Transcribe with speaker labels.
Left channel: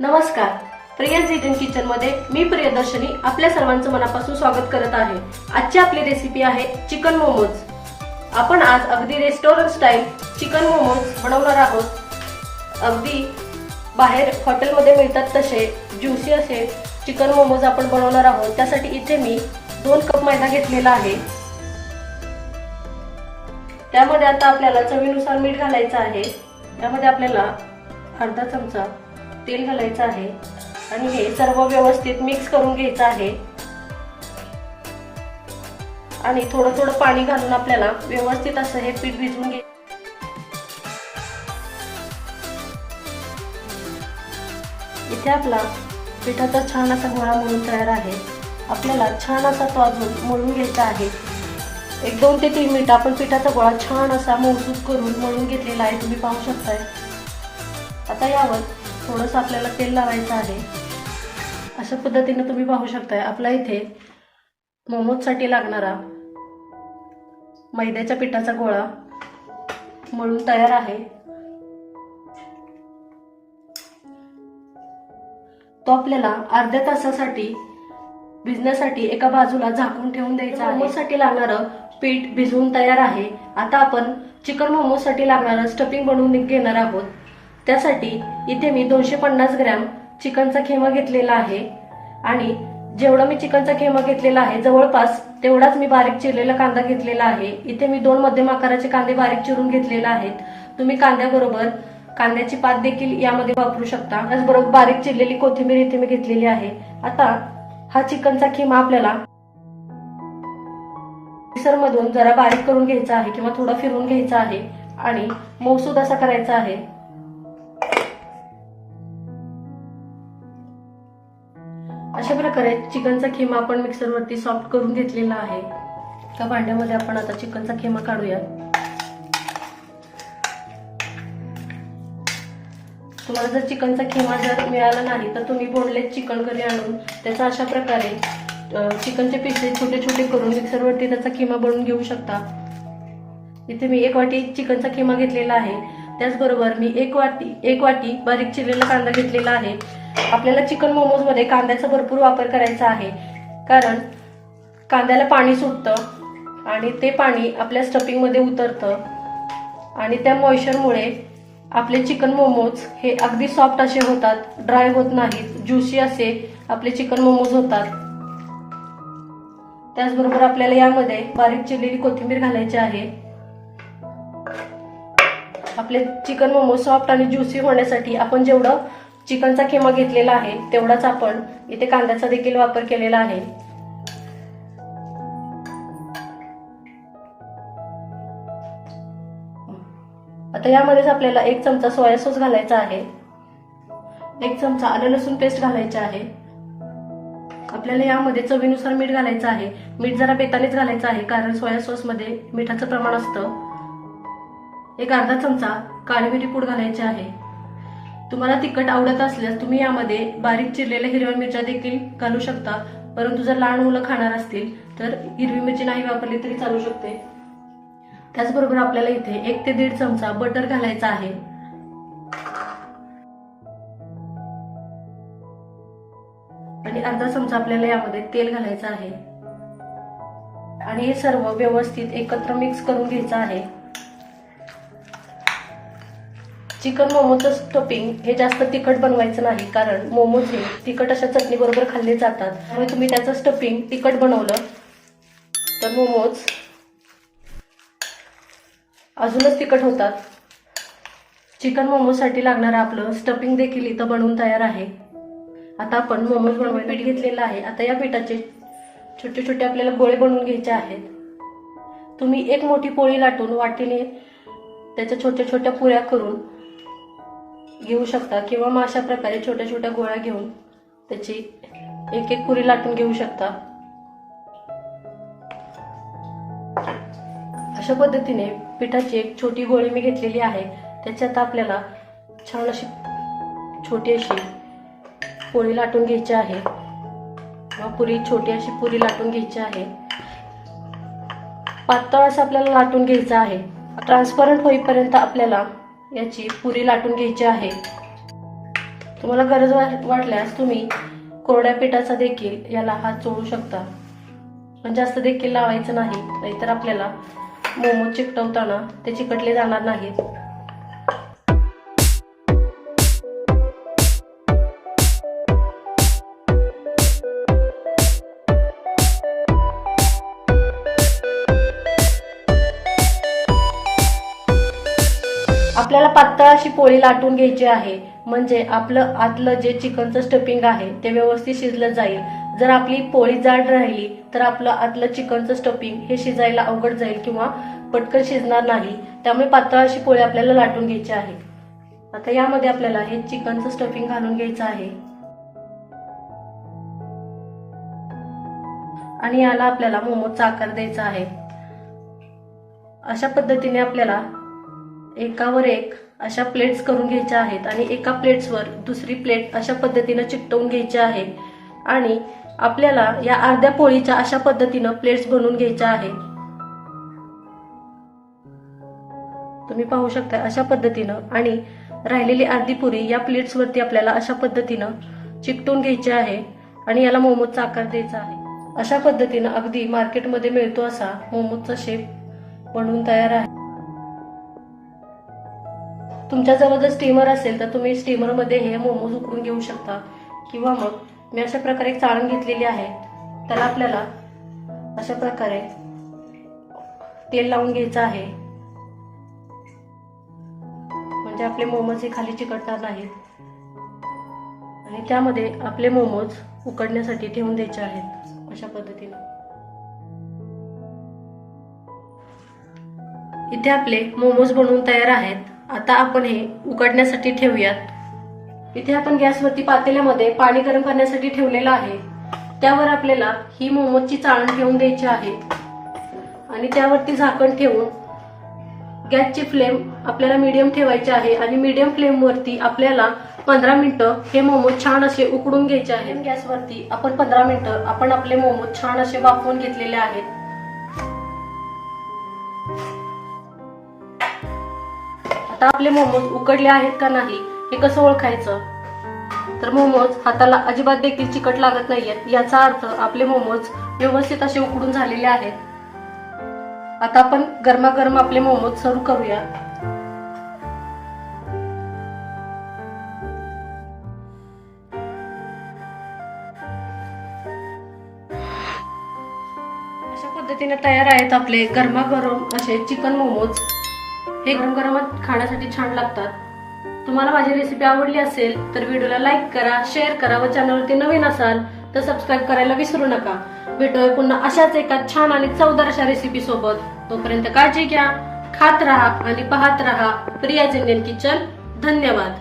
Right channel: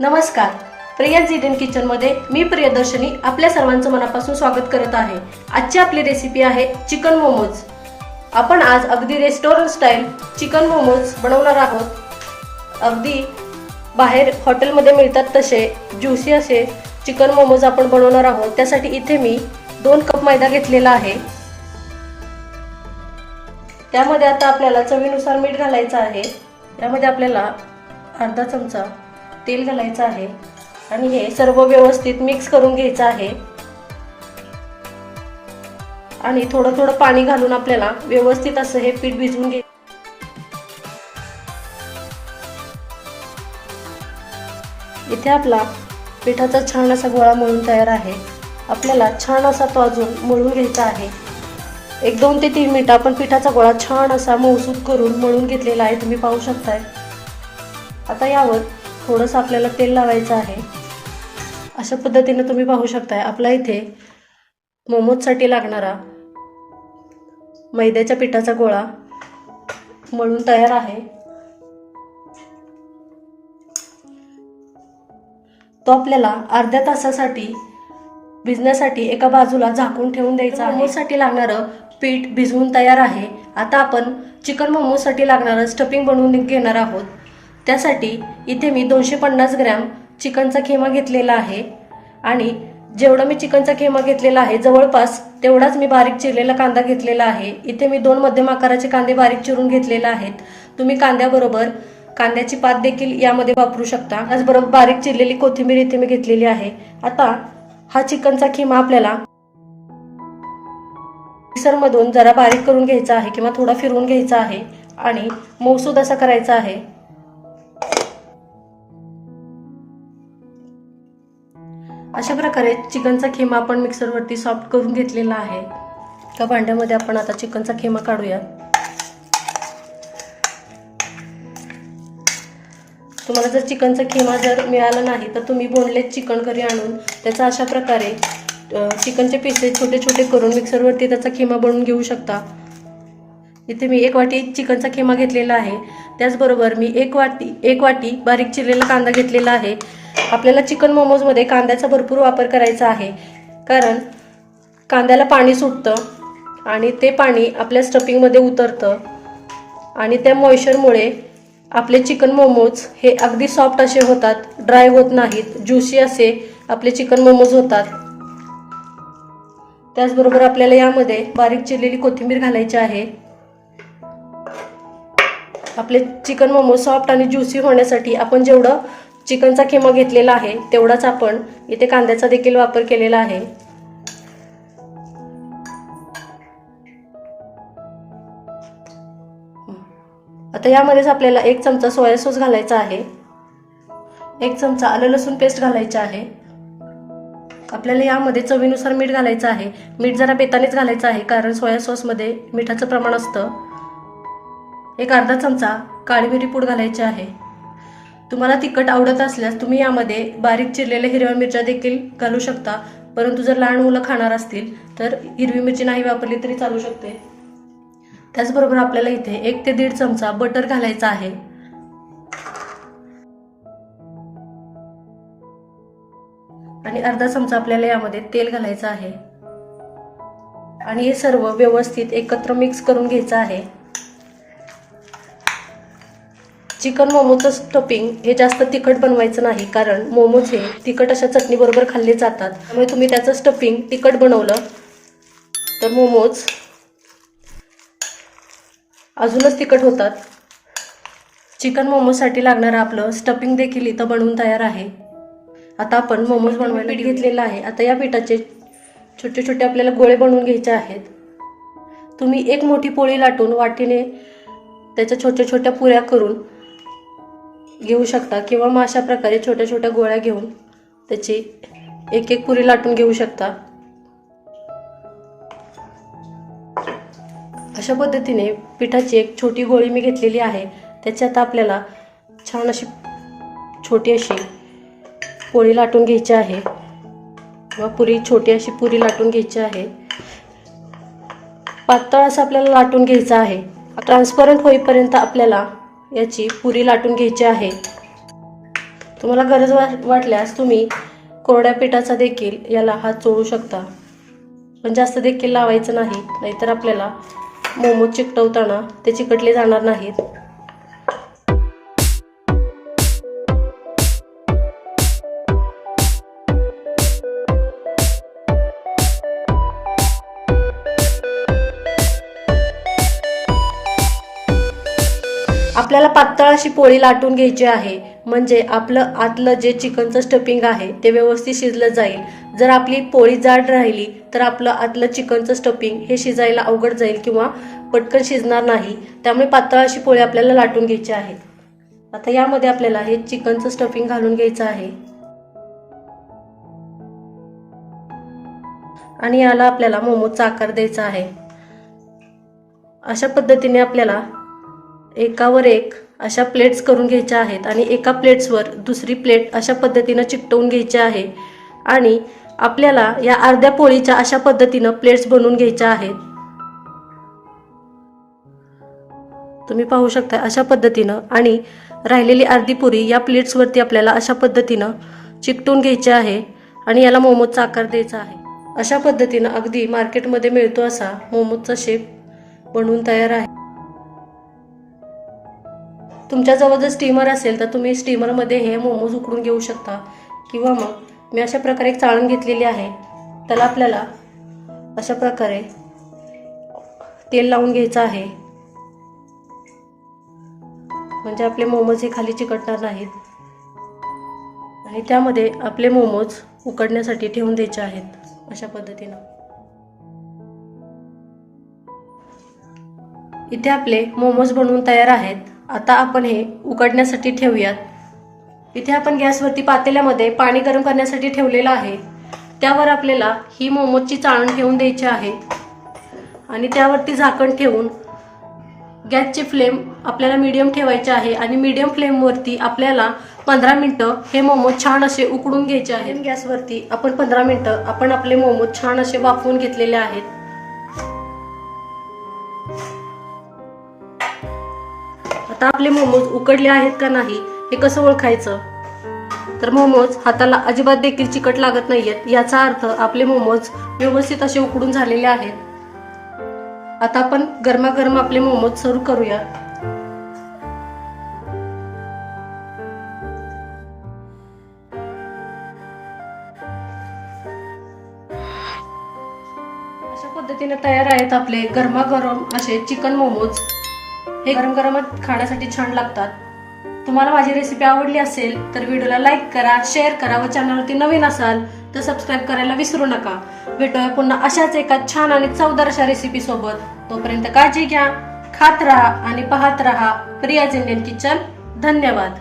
Speaker 1: नमस्कार. प्रियंस इडन किचनमध्ये मी प्रियदर्शनी आपल्या सर्वांचं मनापासून स्वागत करत आहे. आजची आपली रेसिपी आहे चिकन मोमोज आपण आज अगदी रेस्टॉरंट स्टाईल चिकन मोमोज बनवणार आहोत. अगदी बाहेर हॉटेलमध्ये मिळतात तसे ज्युसी असे चिकन मोमोज आपण बनवणार आहोत. त्यासाठी इथे मी दोन कप मैदा घेतलेला आहे. त्यामध्ये आता आपल्याला चवीनुसार मीठ घालायचं आहे. त्यामध्ये आपल्याला अर्धा चमचा तेल घालायचं आहे आणि हे सर्व व्यवस्थित मिक्स करून घ्यायचं आहे. आणि थोडं थोडं पाणी घालून आपल्याला व्यवस्थित असं हे पीठ भिजवून घे इथे आपला पिठाचा छान असा गोळा मळून तयार आहे. आपल्याला छान असा तो अजून मळून घ्यायचा आहे. एक दोन ते तीन मिनिटं आपण पिठाचा गोळा छान असा मौसूद करून मळून घेतलेला आहे. तुम्ही पाहू शकताय. आता यावर थोडंसं आपल्याला तेल लावायचं आहे. अशा पद्धतीने तुम्ही पाहू शकताय आपला इथे मोमोजसाठी लागणारा मैद्याच्या पिठाचा गोळा मळून तयार आहे. तो आपल्याला अर्ध्या तासासाठी भिजण्यासाठी एका बाजूला झाकून ठेवून द्यायचा आहे. मोमोसाठी लागणारं पीठ भिजवून तयार आहे. आता आपण चिकन मोमोसाठी लागणारं स्टफिंग बनवून घेणार आहोत. त्यासाठी इथे मी दोनशे पन्नास ग्रॅम चिकनचा खेमा घेतलेला आहे. आणि जेवढा मी चिकनचा खेमा घेतलेला आहे जवळपास तेवढाच मी बारीक चिरलेला कांदा घेतलेला आहे. इथे मी दोन मध्यम आकाराचे कांदे बारीक चिरून घेतलेले आहेत. तुम्ही कांद्याबरोबर कांद्याची पात देखील यामध्ये वापरू शकता. त्याचबरोबर बारीक चिरलेली कोथिंबीर इथे मी घेतलेली आहे. आता हा चिकनचा खिमा आपल्याला मिक्सरमधून जरा बारीक करून घ्यायचा आहे किंवा थोडा फिरवून घ्यायचा आहे आणि मौसूद असा करायचा आहे. अशा प्रकारे चिकनचा खिमा आपण मिक्सरवरती सॉफ्ट करून घेतलेला आहे. त्या भांड्यामध्ये आपण आता चिकनचा खिमा काढूया. तुम्हाला जर चिकनचा खिमा जर मिळाला नाही तर तुम्ही बोनलेस चिकन घरी आणून त्याचा अशा प्रकारे चिकनचे पीसेस छोटे छोटे करून मिक्सरवरती त्याचा खिमा बनवून घेऊ शकता. इथे मी एक वाटी चिकनचा खिमा घेतलेला आहे. त्याचबरोबर मी एक वाटी एक वाटी बारीक चिरलेला कांदा घेतलेला आहे. आपल्याला चिकन मोमोजमध्ये कांद्याचा भरपूर वापर करायचा आहे. कारण कांद्याला पाणी सुटतं आणि ते पाणी आपल्या स्टफिंगमध्ये उतरतं. आणि त्या मॉइश्चरमुळे आपले चिकन मोमोज हे अगदी सॉफ्ट असे होतात ड्राय होत नाहीत ज्युसी असे आपले चिकन मोमोज होतात. त्याचबरोबर आपल्याला यामध्ये बारीक चिरलेली कोथिंबीर घालायची आहे. आपले चिकन मोमोज सॉफ्ट आणि ज्युसी होण्यासाठी आपण जेवढं चिकनचा किमा घेतलेला आहे तेवढाच आपण इथे कांद्याचा देखील वापर केलेला आहे. आता यामध्येच आपल्याला एक चमचा सोया सॉस घालायचा आहे. एक चमचा आलं लसूण पेस्ट घालायचा आहे. आपल्याला यामध्ये चवीनुसार मीठ घालायचं आहे. मीठ जरा बेतानेच घालायचं आहे कारण सोया सॉसमध्ये मिठाचं प्रमाण असतं. एक अर्धा चमचा काळी मिरी पूड घालायची आहे. तुम्हाला तिखट आवडत असल्यास तुम्ही यामध्ये बारीक चिरलेल्या हिरव्या मिरच्या देखील घालू शकता. परंतु जर लहान मुलं खाणार असतील तर हिरवी मिरची नाही वापरली तरी चालू शकते. त्याचबरोबर आपल्याला इथे एक ते दीड चमचा बटर घालायचा आहे. आणि अर्धा चमचा आपल्याला यामध्ये तेल घालायचं आहे. आणि हे सर्व व्यवस्थित एकत्र मिक्स करून घ्यायचं आहे. चिकन मोमोचं स्टफिंग हे जास्त तिखट बनवायचं नाही कारण मोमोज हे तिखट अशा चटणीबरोबर खाल्ले जातात. त्यामुळे तुम्ही त्याचं स्टफिंग तिखट बनवलं तर मोमोज अजूनच तिखट होतात. चिकन मोमोजसाठी लागणारं आपलं स्टफिंग देखील इथं बनवून तयार आहे. आता आपण मोमोज बनवायला पीठ घेतलेलं आहे. आता या पिठाचे छोटे छोटे आपल्याला गोळे बनवून घ्यायचे आहेत. तुम्ही एक मोठी पोळी लाटून वाटीने त्याच्या छोट्या छोट्या पुऱ्या करून घेऊ शकता किंवा मग अशा प्रकारे छोट्या छोट्या गोळ्या घेऊन त्याची एक एक पुरी लाटून घेऊ शकता. अशा पद्धतीने पिठाची एक छोटी गोळी मी घेतलेली आहे. त्याची आता आपल्याला छान अशी छोटी अशी पोळी लाटून घ्यायची आहे. किंवा पुरी छोटी अशी पुरी लाटून घ्यायची आहे. पातळ असं आपल्याला लाटून घ्यायचं आहे. ट्रान्सपरंट होईपर्यंत आपल्याला याची पुरी लाटून घ्यायची आहे. तुम्हाला गरज वाटल्यास तुम्ही कोरड्या पिठाचा देखील याला हात चोळू शकता. पण जास्त देखील लावायचं नाही नाहीतर आपल्याला मोमो चिकटवताना ते चिकटले जाणार नाहीत. आपल्याला पातळ अशी पोळी लाटून घ्यायची आहे. म्हणजे आपलं आतलं जे चिकनचं स्टफिंग आहे ते व्यवस्थित शिजलं जाईल. जर आपली पोळी जाड राहिली तर आपलं आतलं चिकनचं स्टफिंग हे शिजायला अवघड जाईल किंवा पटकन शिजणार नाही. त्यामुळे पातळ अशी पोळी आपल्याला लाटून घ्यायची आहे. आता यामध्ये आपल्याला हे चिकनचं स्टफिंग घालून घ्यायचं आहे. आणि याला आपल्याला मोमोचा आकार द्यायचा आहे. अशा पद्धतीने आपल्याला एकावर एक अशा प्लेट्स करून घ्यायच्या आहेत आणि एका प्लेट्सवर दुसरी प्लेट अशा पद्धतीनं चिकटवून घ्यायची आहे. आणि आपल्याला या अर्ध्या पोळीच्या अशा पद्धतीनं प्लेट्स बनवून घ्यायच्या आहेत. तुम्ही पाहू शकता अशा पद्धतीनं आणि राहिलेली अर्धी पुरी या प्लेट्सवरती आपल्याला अशा पद्धतीनं चिकटवून घ्यायची आहे आणि याला मोमोजचा आकार द्यायचा आहे. अशा पद्धतीनं अगदी मार्केटमध्ये मिळतो असा मोमोजचा शेप बनवून तयार आहे. तुमच्याजवळ जर स्टीमर असेल तर तुम्ही स्टीमरमध्ये हे मोमोज उकडून घेऊ शकता. किंवा मग मी अशा प्रकारे एक चाळण घेतलेली आहे. त्याला आपल्याला अशा प्रकारे तेल लावून घ्यायचं आहे. म्हणजे आपले मोमोज हे खाली चिकटणार नाहीत. आणि त्यामध्ये आपले मोमोज उकडण्यासाठी ठेवून द्यायचे आहेत. अशा पद्धतीनं. इथे आपले मोमोज बनवून तयार आहेत. आता आपण हे उकडण्यासाठी ठेवूयात. इथे आपण गॅसवरती पातेल्यामध्ये पाणी गरम करण्यासाठी ठेवलेलं आहे. त्यावर आपल्याला ही मोमोजची चाळण ठेवून द्यायची आहे. आणि त्यावरती झाकण ठेवून गॅसची फ्लेम आपल्याला मीडियम ठेवायची आहे आणि मीडियम फ्लेमवरती आपल्याला पंधरा मिनटं हे मोमोज छान असे उकडून घ्यायचे आहे गॅसवरती आपण पंधरा मिनटं आपण आपले मोमोज छान असे वाफवून घेतलेले आहेत. आता आपले मोमोज उकडले आहेत का नाही हे कसं ओळखायचं? तर मोमोज हाताला अजिबात देखील चिकट लागत नाहीयेत याचा अर्थ आपले मोमोज व्यवस्थित असे उकडून झालेले आहेत. आता आपण गरमागरम आपले मोमोज सर्व करूया. अशा पद्धतीने तयार आहेत आपले गरमागरम असे चिकन मोमोज. हे गरम गरमच खाण्यासाठी छान लागतात. तुम्हाला माझी रेसिपी आवडली असेल तर व्हिडिओला लाईक करा शेअर करा व चॅनलवरती नवीन असाल तर सबस्क्राईब करायला विसरू नका. भेटूया पुन्हा अशाच एका छान आणि चवदार अशा रेसिपी सोबत. तोपर्यंत काळजी घ्या खात राहा आणि पाहत राहा प्रिया इंडियन किचन. धन्यवाद.